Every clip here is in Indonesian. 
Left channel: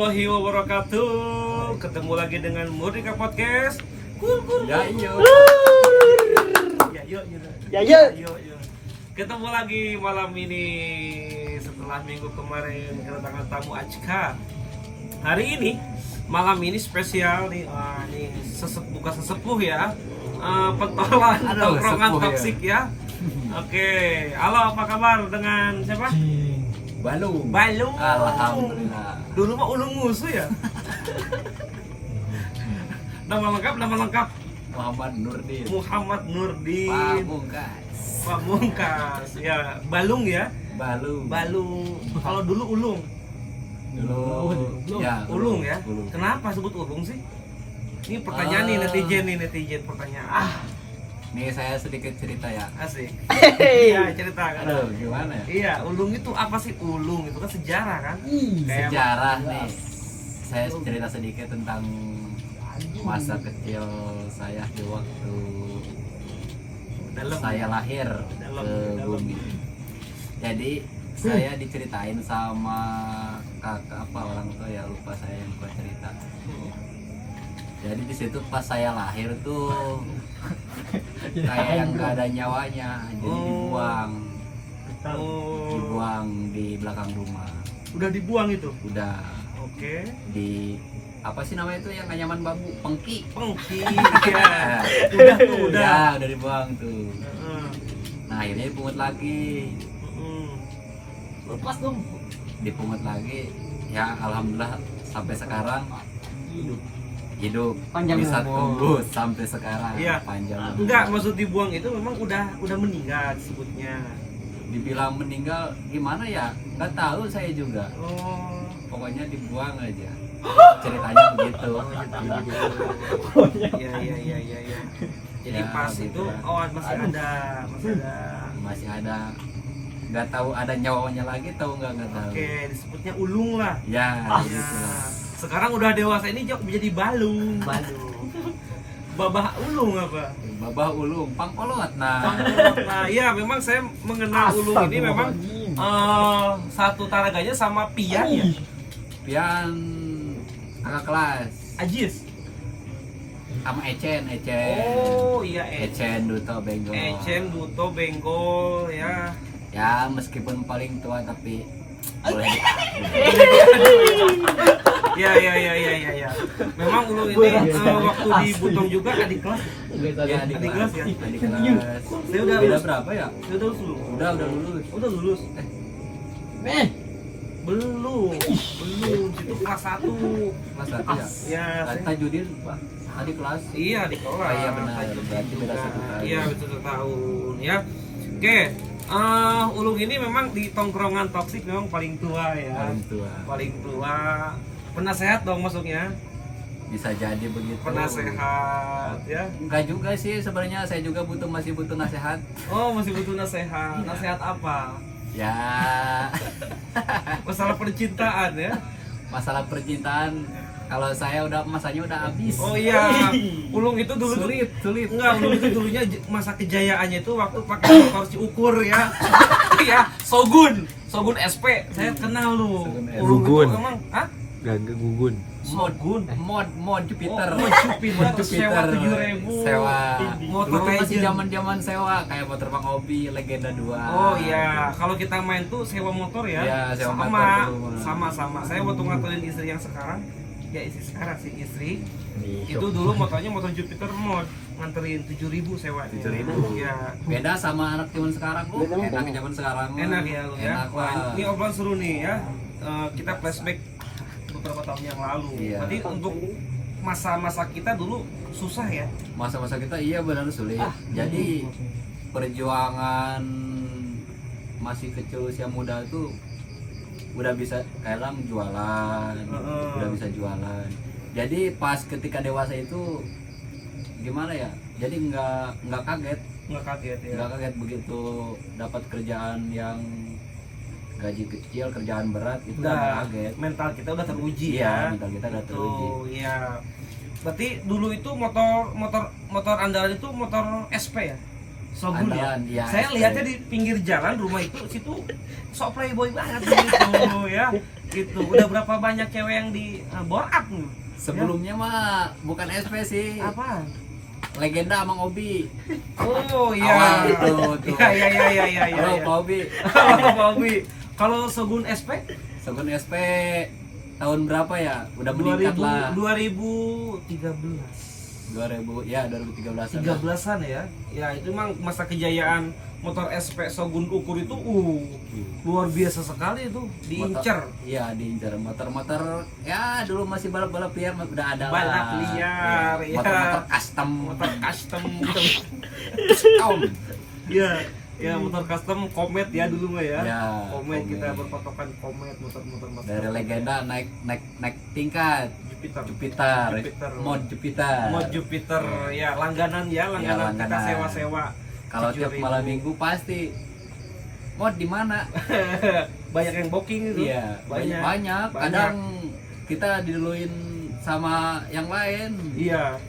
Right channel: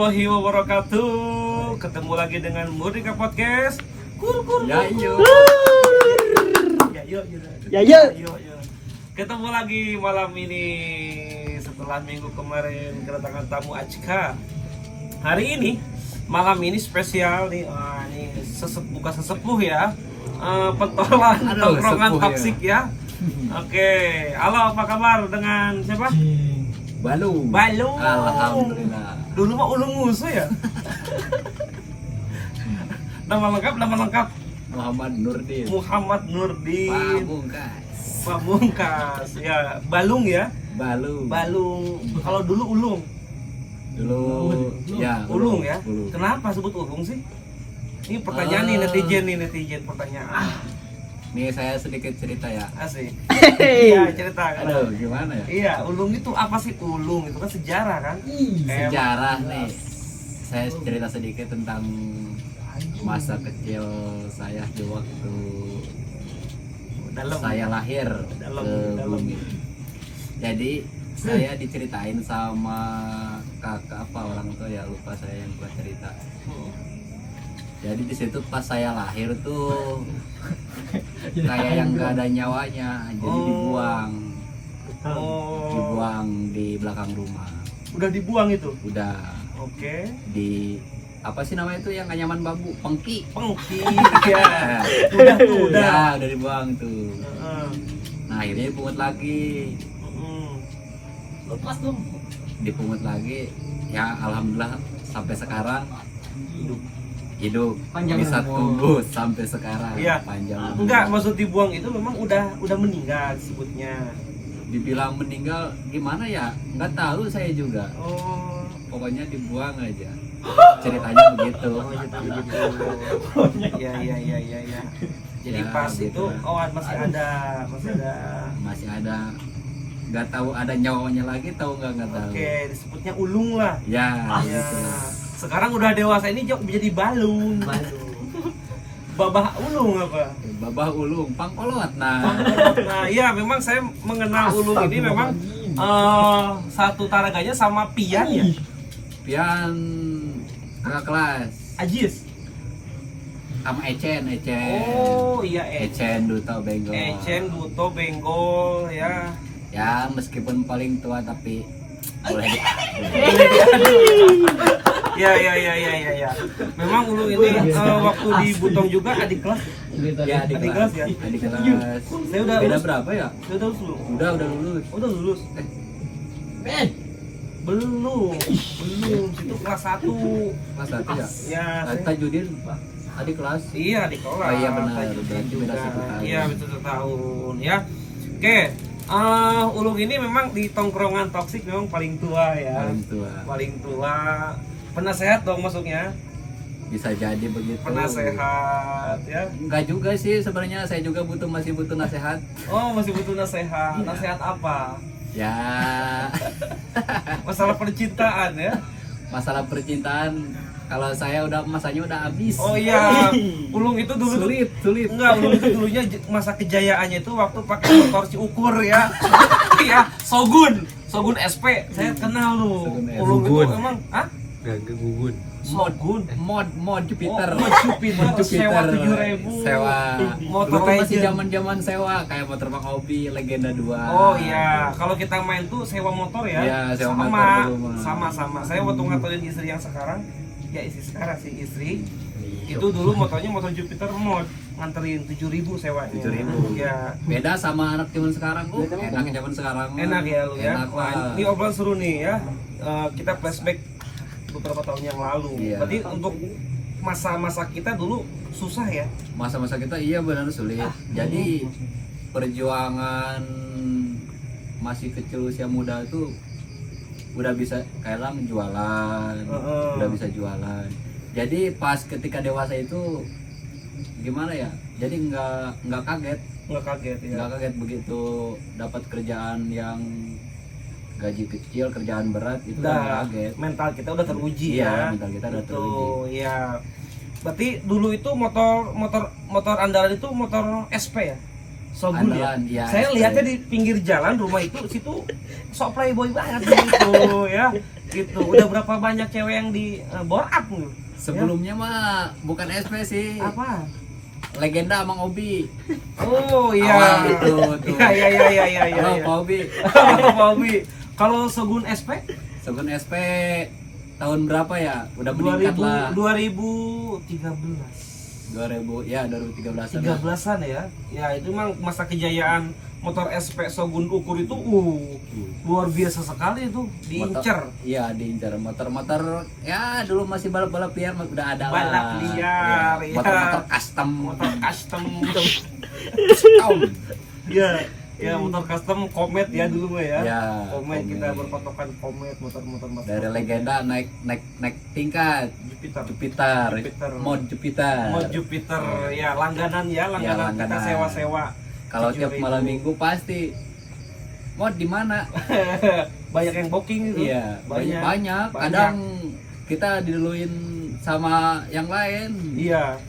warahmatullahi wabarakatuh. Ketemu lagi dengan Murdika Podcast. Ya, yuk. Ketemu lagi malam ini setelah minggu kemarin kedatangan tamu Ajka. Hari ini malam ini spesial nih, nih bukan sesepuh ya, pentolan tongkrongan toksik ya. Oke, halo, apa kabar dengan siapa? Balung. Alhamdulillah. Dulu mah ulung musuh ya. Nama lengkap Muhammad Nurdin. Muhammad Nurdin Pamungkas. Ya, Balung ya. Balung. Kalau dulu Ulung. Ya. Ulung ya. Ulung. Kenapa sebut Ulung sih? Ini pertanyaan nih netizen pertanyaan. Nih saya sedikit cerita ya. Asik. Iya, cerita kan. Aduh, gimana ya? Iya, Ulung itu apa sih? Ulung itu kan sejarah kan? Kayak Sejarah nih. Saya cerita sedikit tentang masa kecil saya di waktu dalam saya lahir Dalam. ke bumi. Jadi saya diceritain sama kakak apa orang tua ya, lupa saya yang buat cerita. Jadi di situ pas saya lahir tuh kayak yang gak ada nyawanya, jadi dibuang di belakang rumah. Udah dibuang itu. Udah Oke. di apa sih namanya itu yang gak nyaman bambu, pengki ya. Udah. Ya, udah dibuang tuh. Nah akhirnya dipungut lagi, Lepas dong. dipungut lagi. Ya alhamdulillah sampai sekarang hidup Panjang bisa umur. tumbuh sampai sekarang. Iya. Panjang umur. Enggak, maksud dibuang itu memang udah meninggal disebutnya. Dibilang meninggal gimana ya, nggak tahu saya juga, Oh. pokoknya dibuang aja, ceritanya begitu. Begitu. Iya. Jadi Ya, pas begitu itu lah. masih ada. Masih ada, nggak tahu ada nyawanya lagi, tahu nggak tahu. Oke, disebutnya ulung lah. Ya, Ya. gitu lah. Sekarang udah dewasa ini jadi balung. Babah ulung apa? Babah ulung pangkolot. Nah, iya memang saya mengenal ulung ini memang satu taraganya sama Pian ya. Pian kakak kelas Ajis. sama Ecen. Oh iya, Ecen Duto Benggol. Ecen Duto Benggol ya. Ya meskipun paling tua tapi boleh Aduh. Ya. Memang ulung ini waktu di Butong juga adik kelas. ya Adik kelas ya. adik kelas. Saya udah Beda lulus. berapa ya? Saya udah lulus. Udah lulus. Udah lulus. Belum. Situ kelas 1. Kelas 1 ya? Ya, saya- Tajudin adik kelas. Iya di kelas. Oh, iya benar. Tajudin Berarti juga. beda 1 tahun. Iya betul 1 tahun ya. Oke, ulung ini memang di tongkrongan toksik memang paling tua ya. Paling tua. Penasehat dong masuknya. Bisa jadi begitu. Penasehat ya. Enggak juga sih sebenarnya, saya juga masih butuh nasihat. Oh masih butuh nasehat. Nasehat apa? Ya Masalah percintaan ya. masalah percintaan, kalau saya udah masanya udah habis. Oh iya. Ulung itu dulu tuh sulit. enggak, belum itu dulunya masa kejayaannya itu waktu pakai motor si ukur ya. Iya, Shogun SP. Saya kenal lu. Shogun SP. Ulung itu emang Mod Jupiter. Mod Jupiter sewa 7.000. Sewa. Motor Dulu masih legend. zaman sewa kayak motor Bang Obi, Legenda 2. Oh iya, kalau kita main tuh sewa motor ya. Iya, sewa sama, motor dulu, mah. sama. Saya waktu nganterin istri yang sekarang, ya istri itu dulu motornya motor Jupiter mod, nganterin 7.000 sewanya. 7.000. Ya. Beda sama anak zaman sekarang. Enak zaman sekarang. Enak ya lu ya. Enak Wah, lah. ini obrolan seru nih ya. Kita flashback beberapa tahun yang lalu. Iya. Berarti untuk masa-masa kita dulu susah ya. Masa-masa kita iya benar sulit. Jadi perjuangan masih kecil usia muda itu udah bisa kayak lah jualan, udah bisa jualan. Jadi pas ketika dewasa itu gimana ya? Jadi nggak kaget. Nggak kaget ya. Nggak kaget begitu dapat kerjaan yang gaji kecil, kerjaan berat itu Udah, kaget. mental kita udah teruji Iya, ya. mental kita udah Itu teruji. ya. Berarti dulu itu motor andalan itu motor SP ya? Shogun ya. Andalan, ya, Saya SP. lihatnya di pinggir jalan rumah itu situ sok playboy banget gitu ya. gitu. Udah berapa banyak cewek yang di bore up nih? Sebelumnya mah bukan SP sih. Apa? Legenda Amang Obi. Oh iya. Awal itu tuh. Iya. Halo Pak Obi. Halo Pak Obi. Kalau Shogun SP Sebelum SP tahun berapa ya? Udah meningkat lah. 2013. 2013. 13-an ya. Ya itu memang masa kejayaan motor SP Shogun Ukur itu luar biasa sekali itu, diincer. Iya, diincer motor-motor ya dulu masih balap-balap liar udah ada lah. Balap liar, ya. Motor-motor custom. Custom. Ya motor custom Comet ya dulu mah ya. Ya, Comet, Comet. kita berpatokan Comet, motor-motor Dari legenda naik tingkat. Jupiter. Mod Jupiter. Mod Jupiter ya, langganan langganan. kita sewa-sewa. Kalau tiap 7.000. malam minggu pasti mod di mana? Banyak yang booking itu. Iya, banyak. banyak. Kadang kita diduluin sama yang lain. Iya.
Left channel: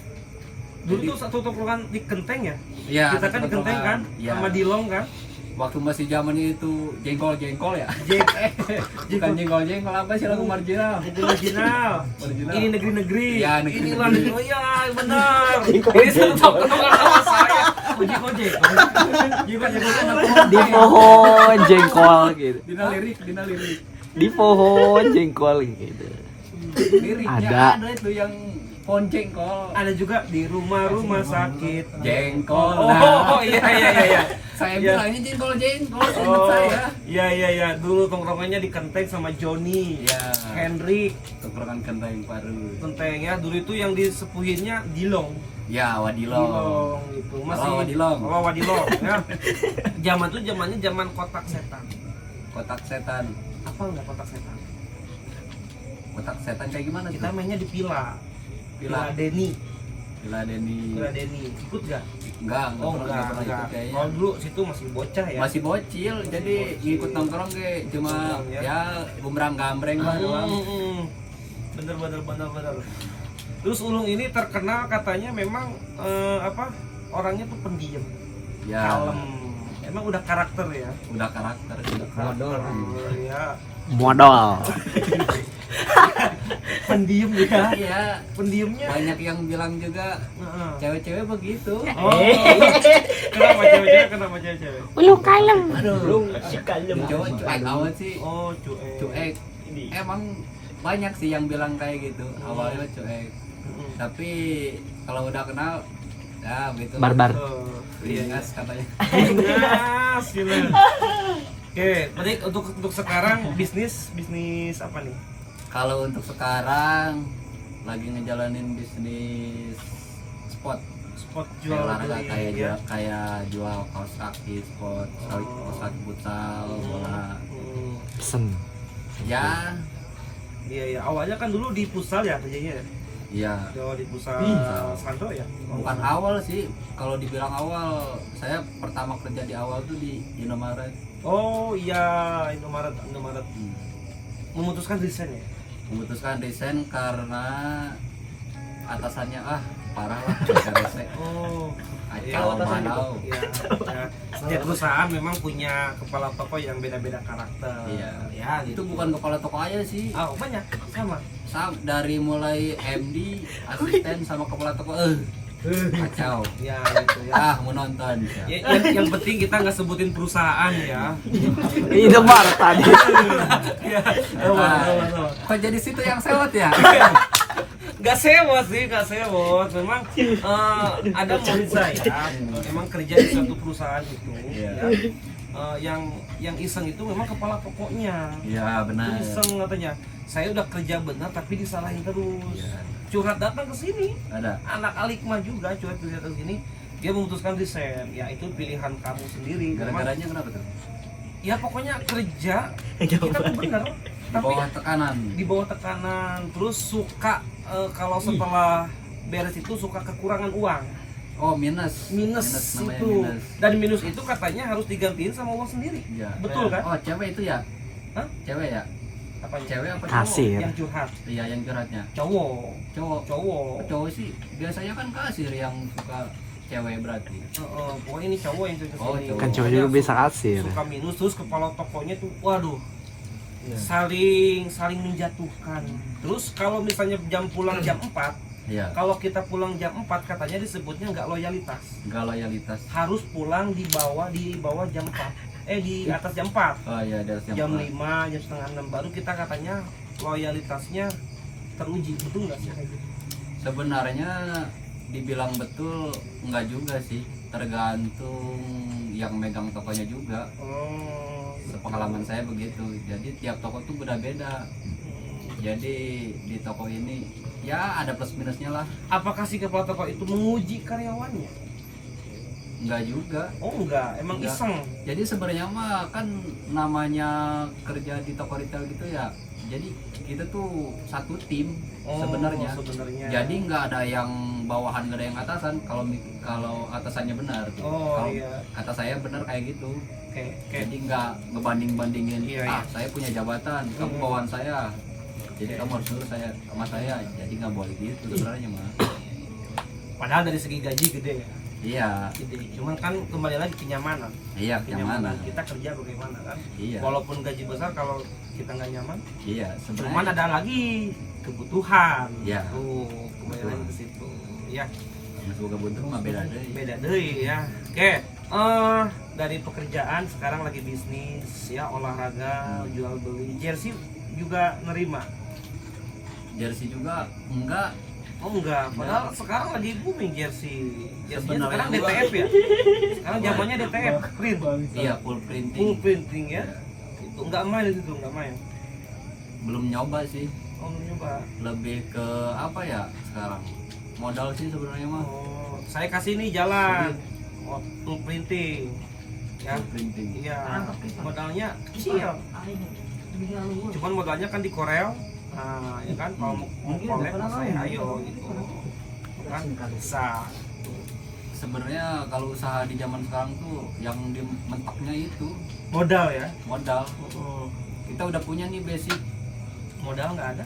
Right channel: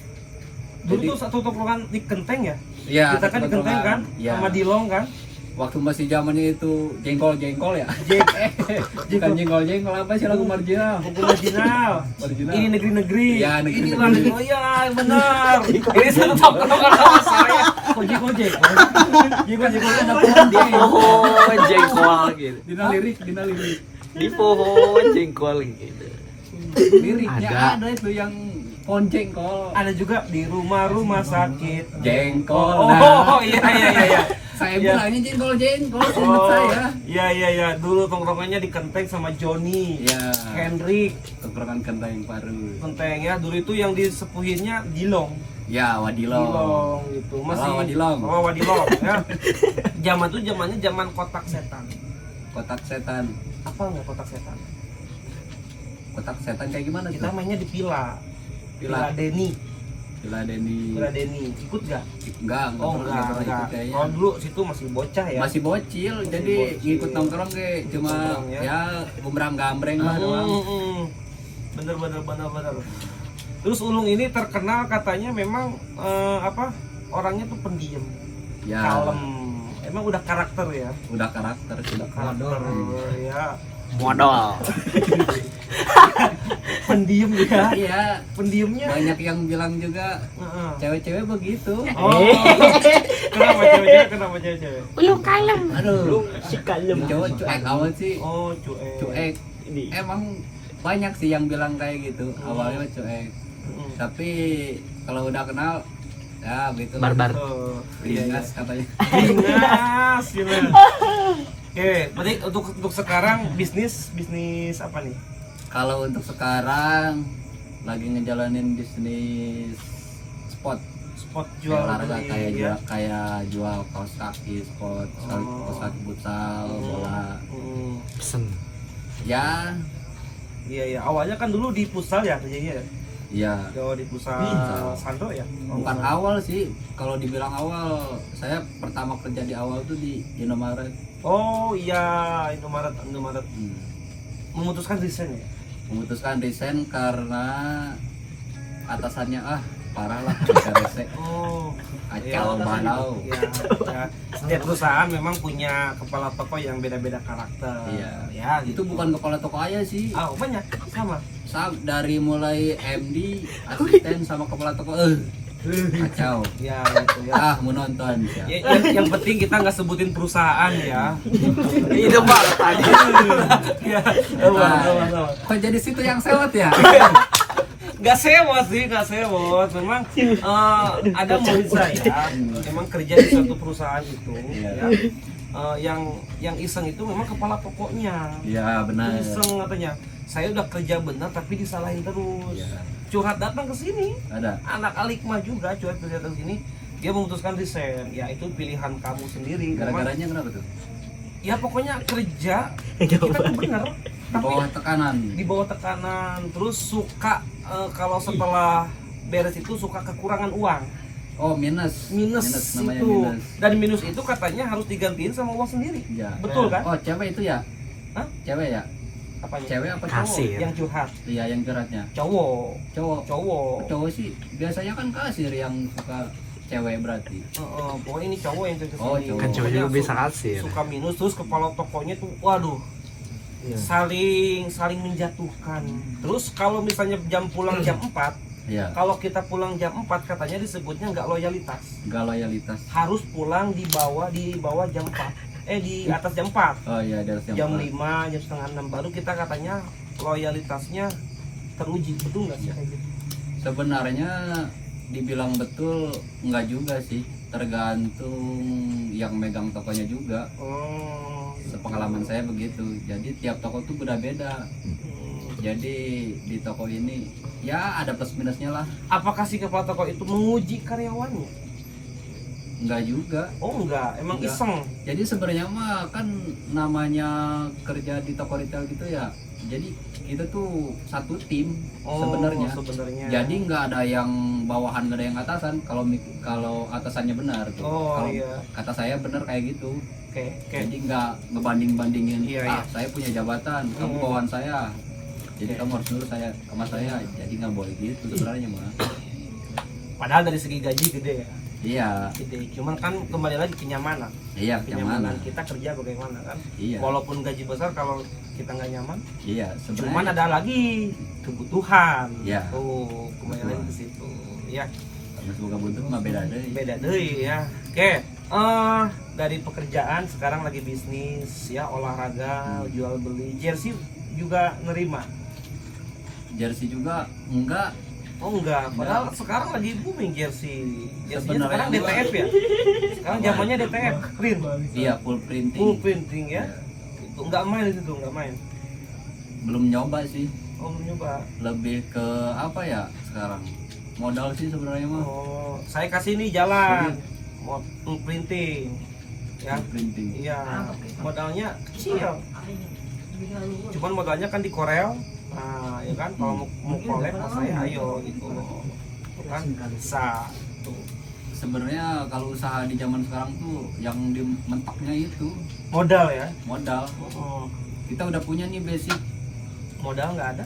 Dulu Jadi- tuh satu tongkrongan di Kenteng ya. Iya, Kita kan di Kenteng kan, Iya. sama Dilong kan. Waktu masih zamannya itu jengkol ya. Bukan jengkol apa sih lagu marginal? Buku marginal. Marginal. Ini negeri-negeri. Ya, negeri-negeri. Inilah negeri. Oh iya, benar. Ini satu tongkrongan sama saya. Ojek. Kan aku Di pohon jengkol gitu. Dina lirik. Di pohon jengkol gitu. Liriknya Ada. ada itu yang pohon jengkol. ada juga di rumah-rumah sakit. Jengkol. Oh iya. Saya Iya. bilangnya jengkol ingat Oh saya. iya. Dulu tongkrongannya di Kenteng sama Joni, Iya. Hendrik. Tongkrongan kentang baru. Kenteng ya. Dulu itu yang disepuhinnya Dilong. Ya, Wadilong. Dilong gitu. Masih Wadilong. Oh, Wadilong ya. Zaman tuh zamannya zaman kotak setan. Kotak setan. Apa enggak kotak setan? Kotak setan kayak gimana tuh? Kita mainnya di Pila. Pila. Deni. Pila Deni. Pila Deni. Ikut gak? Enggak Oh pernah enggak. ikut kayaknya. Kalau dulu situ masih bocah ya. Masih bocil, jadi bocil. ikut nongkrong kayak cuma Nongkrong, ya. ya gombrang-gambreng lah doang. Bener. Terus Ulung ini terkenal katanya memang orangnya tuh pendiam, Ya, kalem. Emang udah karakter ya. udah karakter. Karakter ya. Modal. Pendiam ya. Iya, Pendiamnya. banyak yang bilang juga Heeh. cewek-cewek begitu. Oh. Kenapa cewek-cewek? Aduh, cowok cuek amat sih. Oh, cuek. Cuek. Emang banyak sih yang bilang kayak gitu. Awalnya cuek, Mm-mm. tapi kalau udah kenal ya begitu. Barbar. Iya. Beringas katanya. Bingas gitu. Oke, berarti untuk sekarang bisnis apa nih? Kalau untuk sekarang lagi ngejalanin bisnis spot. Spot Jual jual olahraga beli ya. kayak jual kaos kaki, spot, kaos kaki futsal, bola. Pesen. Ya, Iya. Awalnya kan dulu di futsal ya kerjanya. ya Jawa di futsal Futsal. Sandro ya. bukan awal sih. Kalau dibilang awal, saya pertama kerja di awal tuh di Indomaret. Oh iya, Indomaret. Hmm. Memutuskan resign ya. Memutuskan resign karena atasannya parah lah, rese, Oh. kacau manau. Ya. Setiap perusahaan memang punya kepala toko yang beda-beda karakter. Iya. Ya, Itu gitu. bukan kepala toko aja sih. Oh, banyak sama. Dari mulai MD, asisten sama kepala toko, kacau. Ya, gitu ya. Menonton. Yang penting kita nggak sebutin perusahaan ya. Ini mah tadi. Ya, awan. Kok jadi situ yang sewot ya? Nggak sewot. Memang ada murid saya, memang kerja di suatu perusahaan itu, Iya. ya. Yang iseng itu memang kepala tokonya. Iya benar. Itu iseng katanya. Saya udah kerja benar tapi disalahin terus. Iya. Curhat datang ke sini. Ada. Anak Alikma juga curhat datang ke sini. Dia memutuskan resign. Ya itu pilihan kamu sendiri. Memang- Gara-garanya kenapa tuh? ya pokoknya kerja kita tuh bener. Di Tapi bawah tekanan. di bawah tekanan, terus suka kalau setelah beres itu suka kekurangan uang, Oh minus namanya itu minus. dan minus itu katanya harus digantiin sama uang sendiri. Iya. Betul kan? Oh cewek itu ya? Hah? Cewek ya? Apanya? Cewek apa cowok? Kasir. Yang curhat Iya yang curhatnya. cowok Cowok. Cowok sih biasanya kan kasir yang suka cewek berarti. Pokoknya ini cowok yang cerita Oh, sendiri. cowok. Kan cowok Pokoknya juga bisa kasir. suka minus, terus kepala tokonya tuh waduh saling menjatuhkan. Terus kalau misalnya jam pulang jam 4, Iya. kalau kita pulang jam 4 katanya disebutnya nggak loyalitas. Nggak loyalitas. Harus pulang di bawah jam 4. Di atas jam 4. Oh iya, ada Jam 5, jam setengah 6 baru kita katanya loyalitasnya teruji. Betul nggak sih kayak gitu? Sebenarnya dibilang betul enggak juga sih, tergantung yang megang tokonya juga. Oh. Pengalaman saya begitu. Jadi tiap toko tuh beda-beda. Jadi di toko ini ya ada plus minusnya lah. Apakah si kepala toko itu menguji karyawannya? Enggak juga. Oh enggak, emang Enggak. iseng. Jadi sebenarnya mah kan namanya kerja di toko retail gitu ya. Jadi kita tuh satu tim sebenarnya. Sebenarnya. Jadi nggak ada yang bawahan, nggak ada yang atasan. Kalau atasannya benar tuh. Oh Kalau iya. kata saya benar kayak gitu. Oke. Jadi nggak ngebanding-bandingin. Iya, iya. Saya punya jabatan, kamu Hmm. bawahan saya. Jadi Oke. kamu harus dulu saya sama saya. Jadi nggak boleh gitu sebenarnya mah. Padahal dari segi gaji gede ya. Iya, Gede. Cuman kan kembali lagi kenyamanan. iya Kenyamanan kenyamanan. kita kerja bagaimana kan? Iya, Walaupun gaji besar kalau kita nggak nyaman, iya. cuman Sebenarnya ada lagi kebutuhan. Iya. Kembali lagi ke situ. Ya, semoga buntu mah beda deh. beda deh ya. Oke. Dari pekerjaan sekarang lagi bisnis ya, olahraga, jual beli. Jersey juga nerima. Jersey juga enggak. Oh enggak, padahal sekarang lagi booming jersey. Jersey Sebenarnya sekarang enggak. DTF ya. Sekarang zamannya DTF, print. Iya, full printing. Full printing ya. Itu enggak main itu tuh, enggak main. Belum nyoba sih. Oh, belum nyoba. Lebih ke apa ya sekarang? Modal sih sebenarnya mah. Oh, saya kasih nih jalan. Full printing. Ya. Full printing. Iya, modalnya kecil. Cuman modalnya kan di Korel. Nah, ya kan kalau mau collab sama saya ayo gitu. Tuh kan bisa tuh. Sebenarnya kalau usaha di zaman sekarang tuh yang di mentaknya itu Modal ya. modal. Oh, Kita udah punya nih modal nggak ada.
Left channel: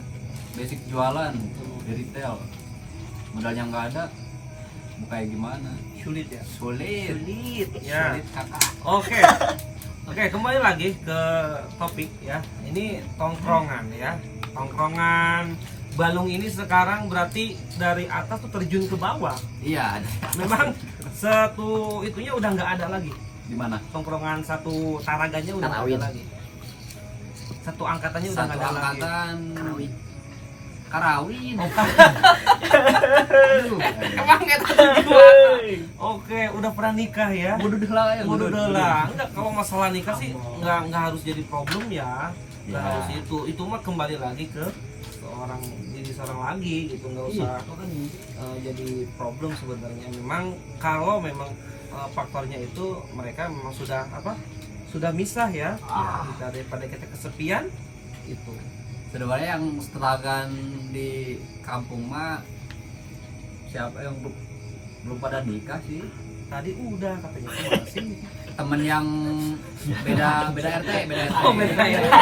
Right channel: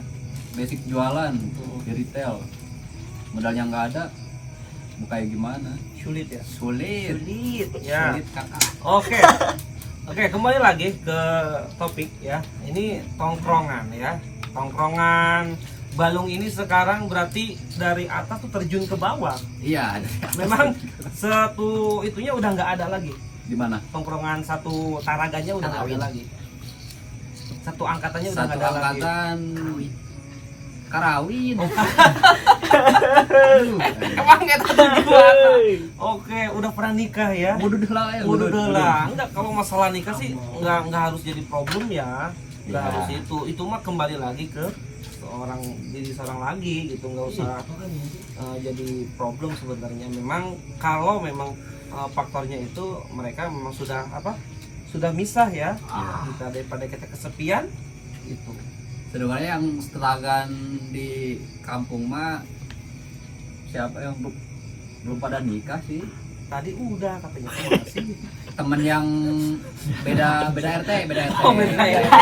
basic jualan di retail. Modalnya nggak ada, mau kayak gimana? Sulit ya. Sulit. Sulit ya. Sulit kakak. Oke. Oke, kembali lagi ke topik ya. Ini tongkrongan ya. Tongkrongan Balung ini sekarang berarti dari atas tuh terjun ke bawah. Iya. Memang satu itunya udah nggak ada lagi. Di mana? Tongkrongan satu taraganya udah nggak ada lagi. Satu angkatannya udah Satu nggak ada lagi. angkatan Karawin. Emang nggak tahu gimana? Oke, udah pernah nikah ya? Udah lah ya. Udah lah. Enggak, kalau masalah nikah sih nggak harus jadi problem ya. Nggak Ya. harus itu mah kembali lagi ke diri seorang lagi gitu, nggak usah jadi problem sebenarnya. Memang kalau memang faktornya itu mereka memang sudah misah ya. Kita daripada kita kesepian itu. Sebenarnya yang setelagan di kampung mah siapa yang belum pada nikah sih? Tadi udah katanya tuh masih. Temen yang beda RT. Oh, beda RT.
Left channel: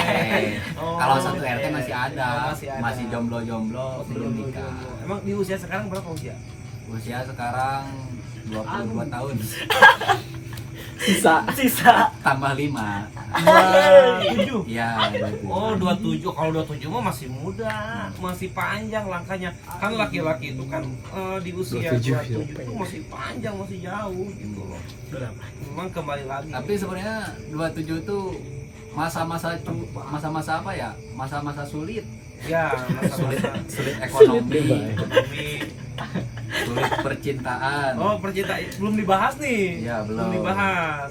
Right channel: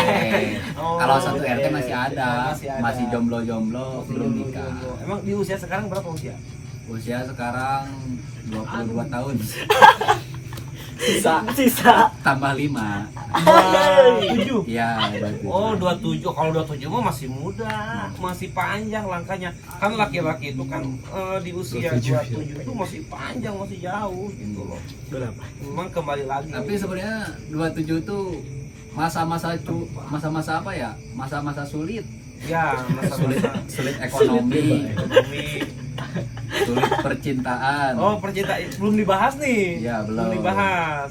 Oh, Kalau satu RT oke. masih ada, Masih ada. masih jomblo-jomblo, Masih belum jomblo. nikah. Emang di usia sekarang berapa usia? Usia sekarang 22 tahun. Sisa. Tambah 5. 27. Iya, Oh, 27. Kalau 27 mah masih muda, masih panjang langkahnya. Kan laki-laki itu kan di usia 27 itu masih panjang, masih jauh gitu loh. Memang kembali lagi. Tapi sebenarnya 27 itu masa-masa apa ya? Masa-masa sulit. ya, masa-masa Sulit ekonomi, ekonomi. sulit percintaan. Oh, percintaan belum dibahas nih. Iya, belum. dibahas.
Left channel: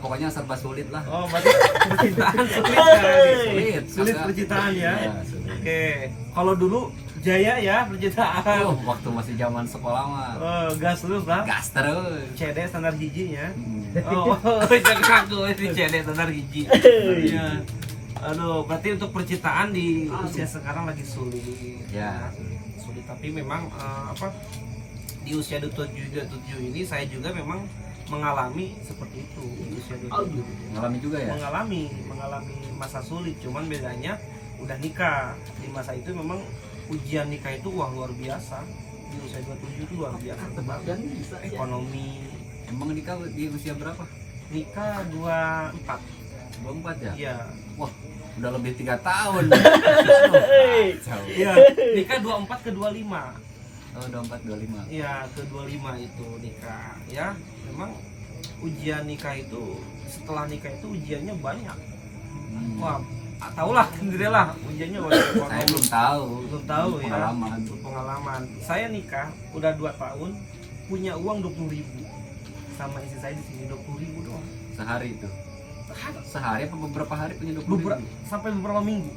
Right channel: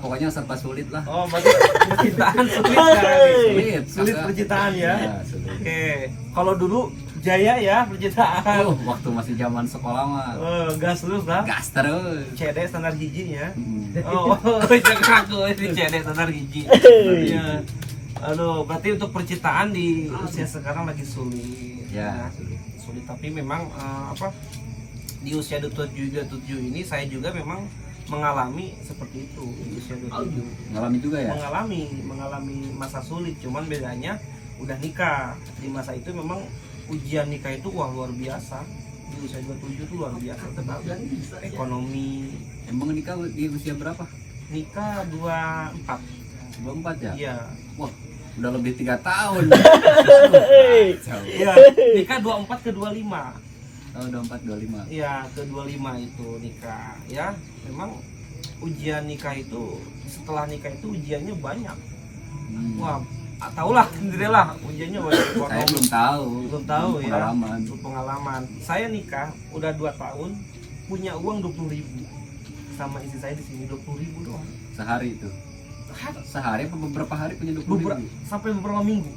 Pokoknya serba sulit lah. Oh, berarti percintaan sulit sekarang nih. Sulit Masa- percintaan ya. Iya, sulit. Oke, kalau dulu jaya ya percintaan. Waktu masih zaman sekolah mah Gas terus lah. gas terus. CD standar hiji ya. Hmm. Oh, jangan aku ini CD standar hiji. Iya. Aduh, berarti untuk percintaan di usia sekarang lagi sulit. Ya. Sulit, tapi memang di usia 27 ini saya juga memang mengalami seperti itu di usia 27. Ngalami juga ya? mengalami masa sulit, cuman bedanya udah nikah. Di masa itu memang ujian nikah itu luar biasa. Di usia 27 itu luar biasa tentang ekonomi. Emang nikah di usia berapa? Nikah 24. 24 ya? Iya. Wah, udah lebih 3 tahun. Aduh, kacau. Iya, nikah 24 ke 25. Oh, 24 25. Iya, ke 25 itu nikah. Ya, memang ujian nikah itu, setelah nikah itu ujiannya banyak. Wah, tahulah sendirilah ujiannya banyak. Saya belum tahu. Belum tahu ya. Pengalaman. Pengalaman. Saya nikah udah 2 tahun, punya uang 20.000. Sama istri saya di sini 20.000 doang. Sehari itu. Sehari apa beberapa hari punya 20.000? Sampai beberapa minggu.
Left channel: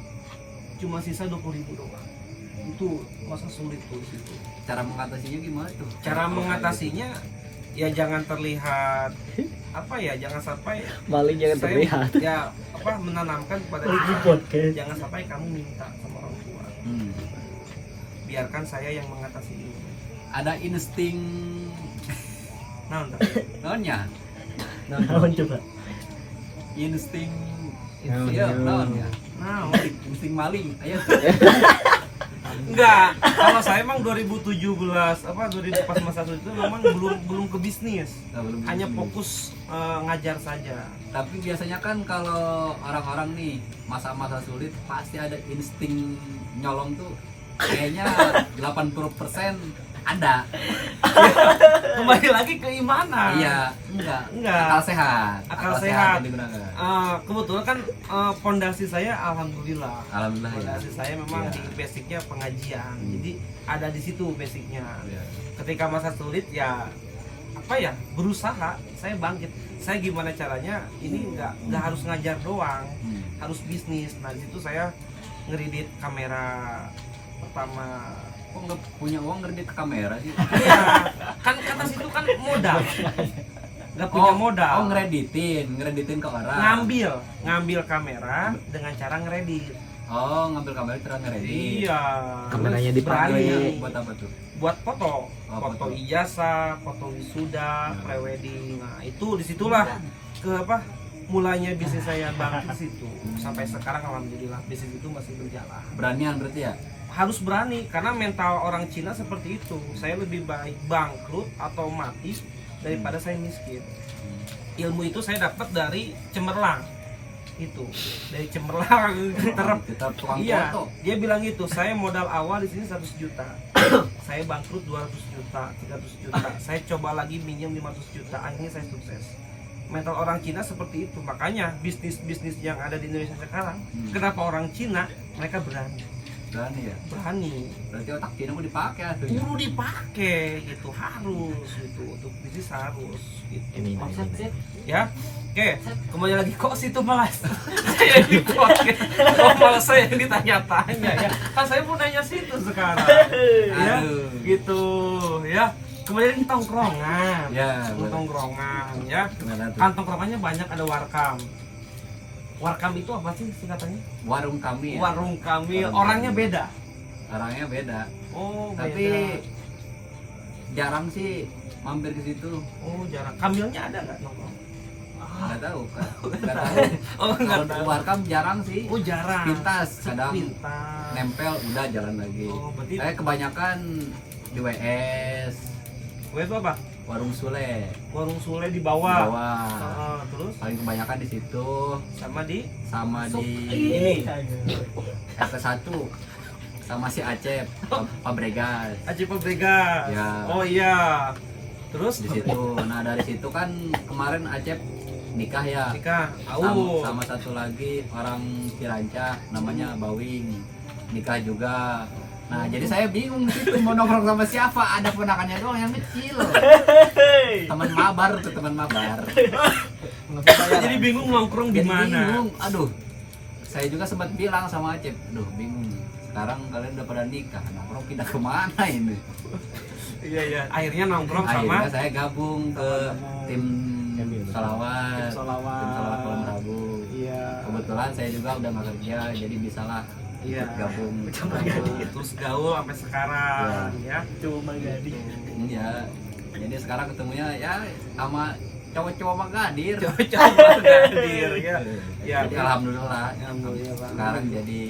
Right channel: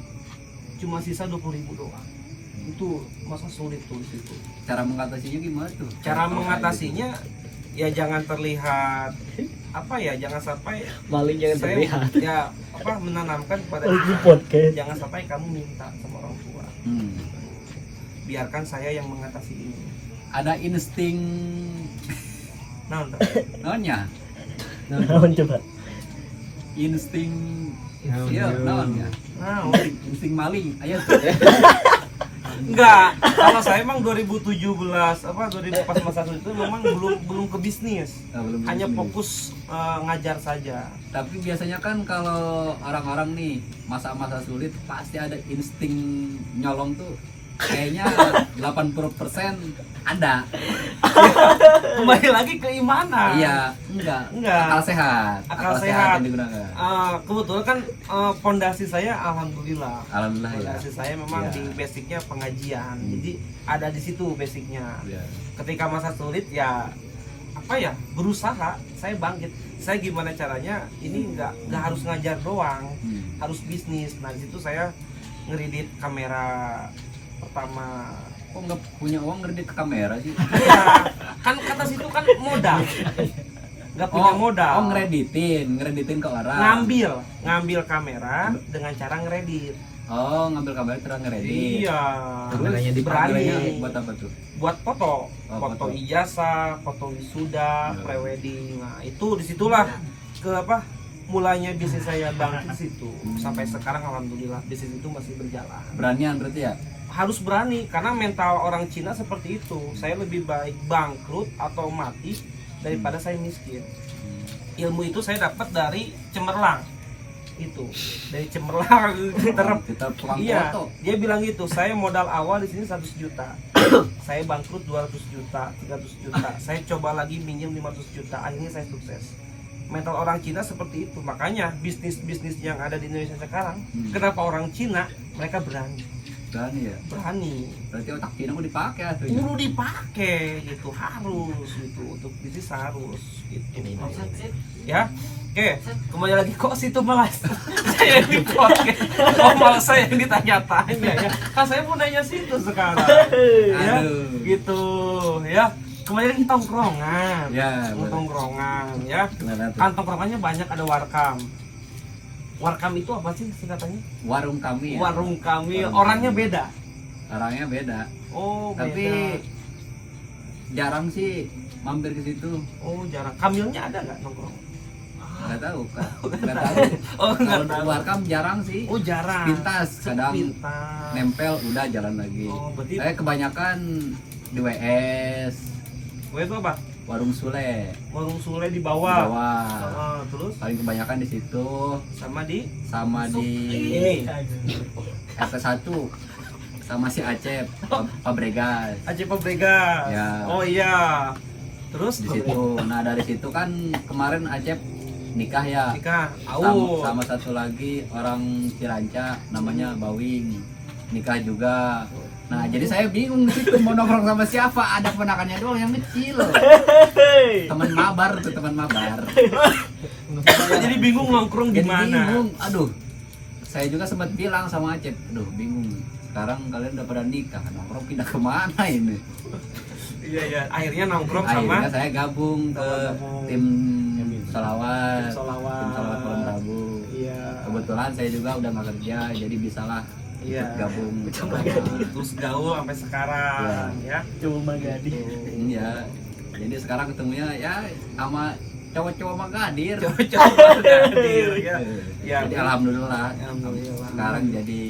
Cuma sisa 20.000 doang. Itu masa sulit tuh di situ. Cara mengatasinya gimana tuh? Cara mengatasinya ya jangan terlihat apa ya, jangan sampai Maling jangan saya terlihat. ya apa menanamkan kepada diri saya, jangan sampai kamu minta sama orang tua. Biarkan saya yang mengatasi ini. Ada insting Nah, naonnya? Naon coba? Insting Naon, iya, naon. naonnya? nah, Insting maling. Ayo. enggak. Kalau saya emang 2017 apa 2000 pas masa sulit itu memang belum ke bisnis. Belum Hanya bisnis. fokus ngajar saja. Tapi biasanya kan kalau orang-orang nih masa-masa sulit pasti ada insting nyolong tuh kayaknya 80% ada. Kembali lagi keimanan. Iya, enggak. Akal sehat. Akal sehat. yang digunakan. Kebetulan kan pondasi saya alhamdulillah. Alhamdulillah ya. Pondasi saya memang Iya. di basicnya pengajian. Jadi ada di situ basicnya. Iya. Ketika masa sulit ya apa ya, berusaha, saya bangkit. Saya gimana caranya ini nggak harus ngajar doang, harus bisnis. Nah di situ saya ngeredit kamera pertama. Kok nggak punya uang ngedit ke kamera sih? Iya, kan kata situ kan modal, nggak punya modal. Oh, ngereditin ke orang. Ngambil kamera dengan cara ngeredit. Oh, ngambil kamera terus ngeredit. Iya, Kameranya berani. Kameranya buat apa tuh? Buat foto, Oh, foto foto. ijazah, foto wisuda, Iya. prewedding. Nah itu disitulah ke apa? Mulanya bisnis saya bangkit di situ. Sampai sekarang alhamdulillah bisnis itu masih berjalan. Beranian berarti ya? Harus berani karena mental orang Cina seperti itu. Saya lebih baik bangkrut atau mati daripada saya miskin. Ilmu itu saya dapat dari cemerlang. Itu dari cemerlang Kita tukang Iya, foto. dia bilang gitu. Saya modal awal di sini 100 juta. Saya bangkrut 200 juta, 300 juta. Saya coba lagi minjem 500 juta. Akhirnya saya sukses. Mental orang Cina seperti itu. Makanya bisnis-bisnis yang ada di Indonesia sekarang, kenapa orang Cina mereka berani? Berani ya? Berani. Berarti otak Cina mau dipakai tuh. Perlu dipakai gitu, harus gitu, untuk bisnis harus gitu. Ya, oke, kembali lagi kok situ malah saya yang di podcast, malah saya yang ditanya-tanya ya. Kan saya mau nanya situ sekarang, ya, Aduh. gitu, ya. Kembali lagi tongkrongan, Ya, boleh. tongkrongan, ya. Gimana tuh? Kan tongkrongannya banyak, ada warkam. Warkam itu apa sih singkatannya? Warung kami ya? Warung kami, Warung orangnya kami. beda. Orangnya beda. Oh, Tapi beda. jarang sih mampir ke situ. Oh, jarang. Kamilnya ada nggak nongkrong? Nggak tahu kan? Nggak tahu. Oh, nggak Kalau tahu. warkam jarang sih. Oh, jarang. Pintas, kadang Pintas. nempel udah jalan lagi. Oh, berarti Saya kebanyakan di WS, gue itu apa? Warung Sule, Warung Sule di di bawah. bawah. Terus Paling kebanyakan di situ, sama di sama di ini RT1 sama si Acep, Fabregas Aceh Pabregas. Ya. Oh iya. Terus di situ. Nah dari situ kan kemarin Acep nikah ya. nikah. Sama, sama satu lagi orang Ciranca namanya Bawing nikah juga. Nah jadi saya bingung di situ mau nongkrong sama siapa, ada ponakannya doang yang kecil. Teman mabar tuh, teman mabar. Jadi bingung nongkrong di Jadi mana. bingung. Aduh, saya juga sempat bilang sama Acep, aduh bingung. Sekarang kalian udah pada nikah, nongkrong pindah kemana ini? Iya iya. Akhirnya nongkrong sama Akhirnya saya gabung ke tim Salawat, Salawat. tim Salawat Kulon Prabu. Iya. Kebetulan saya juga udah nggak kerja, jadi bisalah Iya. ikut gabung. Terus gaul sampai sekarang ya. Cuma gadi. Iya. Jadi sekarang ketemunya ya sama cowok-cowok Magadir. Coba hadir ya. Ya. Jadi alhamdulillah. Alhamdulillah. Sekarang jadi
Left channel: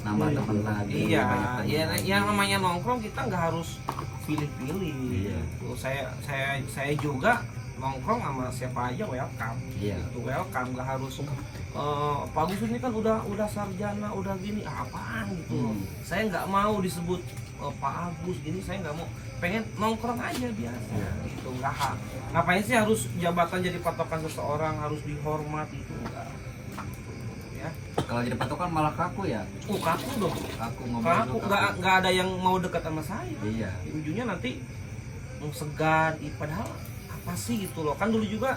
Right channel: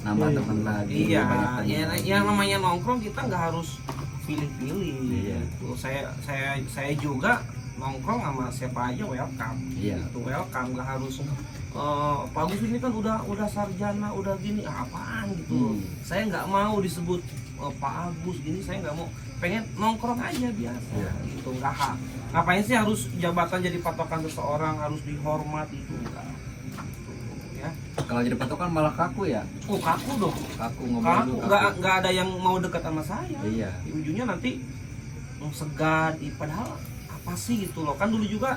nambah teman lagi. Iya, banyak teman ya, lagi. yang namanya nongkrong kita nggak harus pilih-pilih. Iya. Tuh, saya juga nongkrong sama siapa aja welcome. Iya. Itu welcome, nggak harus Pak Agus ini kan udah sarjana, udah gini, apaan gitu loh. Saya nggak mau disebut Pak Agus gini, saya nggak mau, pengen nongkrong aja biasa. Iya. Gitu, nggak ngapain sih harus jabatan jadi patokan seseorang, harus dihormat itu enggak. Ya. Kalau jadi patokan malah kaku ya. Kaku dong. Kaku ngomong Kaku, lu, nggak ada yang mau dekat sama saya. Iya. Di ujungnya nanti segan, padahal apa sih gitu loh. Kan dulu juga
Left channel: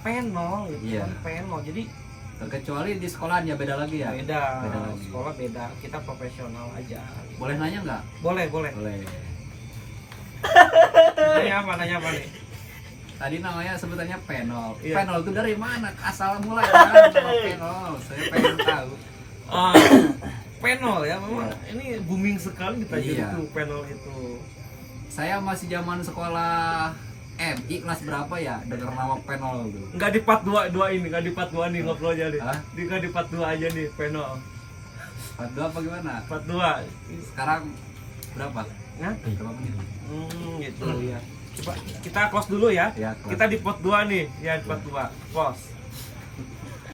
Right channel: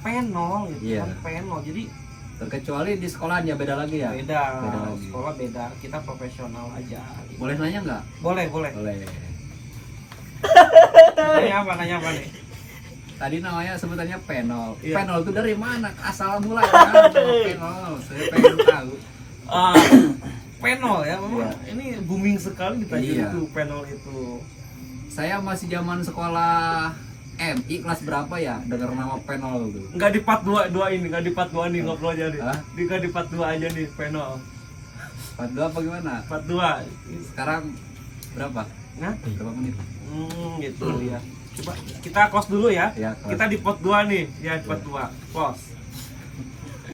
penol gitu Iya. kan, penol. Jadi Terkecuali di sekolahannya beda lagi ya. beda, lagi. sekolah beda, kita profesional aja gitu. Boleh nanya nggak? Boleh. Boleh. Nanya apa nih? Tadi namanya sebutannya penol. Iya. Penol itu dari mana? Asal mulai mana nama penol? Saya pengen tahu. Penol ya, memang Iya. ini booming sekali ditanya Iya. itu penol itu. Saya masih zaman sekolah MI kelas berapa ya? Dengar nama penol tuh. Nggak di part 2 ini, nggak di part 2 nih ngobrol aja nih. Hah? Nggak di part 2 aja nih penol. Part 2 apa gimana? Part 2. Sekarang berapa? Nah, Berapa menit? gitu ya. Coba kita close dulu ya. Ya, close. Kita di part 2 nih, ya di part 2. Close.